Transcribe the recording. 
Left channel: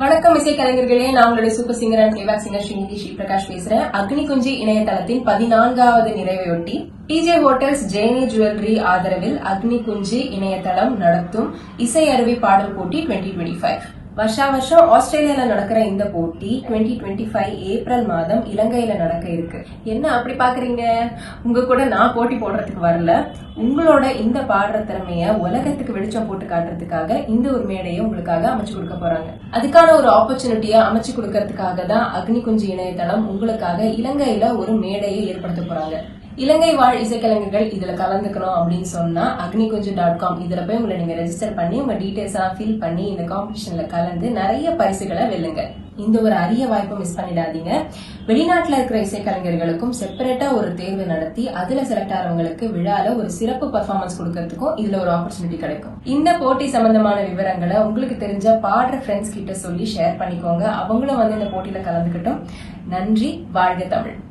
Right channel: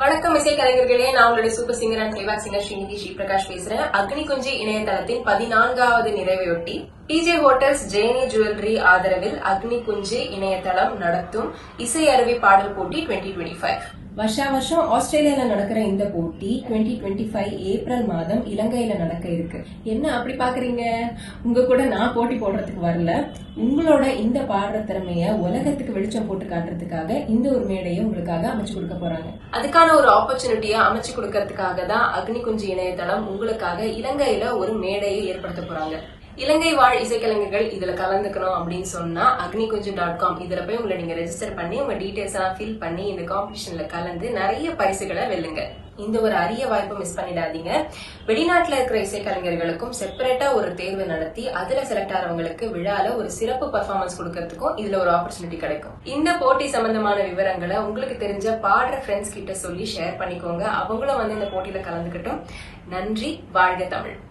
வணக்கம் இசை கலைஞர்களே, நான் உங்களுடைய super singer and playback singer Shri Prakash பேசுறேன். அக்னி குஞ்சி இணையதளத்தின் 14வது நிறைவையொட்டி டிஜே ஹோட்டல்ஸ் ஜெயனி ஜுவல்லரி ஆதரவில் அக்னி குஞ்சி இணையதளம் நடத்தும் இசை அருவி பாடல் போட்டி 2025. வருஷம் ஆஸ்திரேலியால நடக்கிற இந்த போட்டி 2025 ஏப்ரல் மாதம் இலங்கையில நடக்க இருக்கு. என்ன அப்படி பாக்குறீங்க? உங்க கூட நான் போட்டி போடுறதுக்கு வரல. உங்களோட இந்த பாடுற திறமைய உலகத்துக்கு வெளிச்சம் போட்டு காட்டுறதுக்காக இந்த ஒரு மேடையை உங்களுக்காக அமைச்சு கொடுக்க போறாங்க. அதுக்கான ஒரு ஆப்பர்ச்சுனிட்டியை அமைச்சு கொடுக்கறதுக்காக தான் அக்னி குஞ்சு இணையதளம் உங்களுக்காக இலங்கையில ஒரு மேடையை ஏற்படுத்த போறாங்க. இலங்கை வாழ் இசைக்கலைஞர்கள் இதுல கலந்துக்கணும் அப்படின்னு சொன்னா agnikunju.com இதுல போய் உங்களை நீங்க ரெஜிஸ்டர் பண்ணி உங்க டீடைல்ஸ் எல்லாம் ஃபில் பண்ணி இந்த காம்படிஷன்ல கலந்து நிறைய பரிசுகளை வெல்லுங்க. இந்த ஒரு அரிய வாய்ப்பை மிஸ் பண்ணிடாதீங்க. வெளிநாட்டுல இருக்கிற இசைக்கலைஞர்களுக்கும் செப்பரேட்டா ஒரு தேர்வு நடத்தி அதுல செலக்ட் ஆகிறவங்களுக்கு விழால ஒரு சிறப்பு பர்ஃபார்மன்ஸ் கொடுக்கறதுக்கும் இதுல ஒரு ஆப்பர்ச்சுனிட்டி கிடைக்கும். இந்த போட்டி சம்பந்தமான விவரங்களை உங்களுக்கு தெரிஞ்ச பாடுற ஃப்ரெண்ட்ஸ் கிட்ட சொல்லி ஷேர் பண்ணிக்கோங்க. அவங்களும் வந்து இந்த போட்டியில கலந்துக்கிட்டோம். நன்றி. வாழ்க தமிழ்.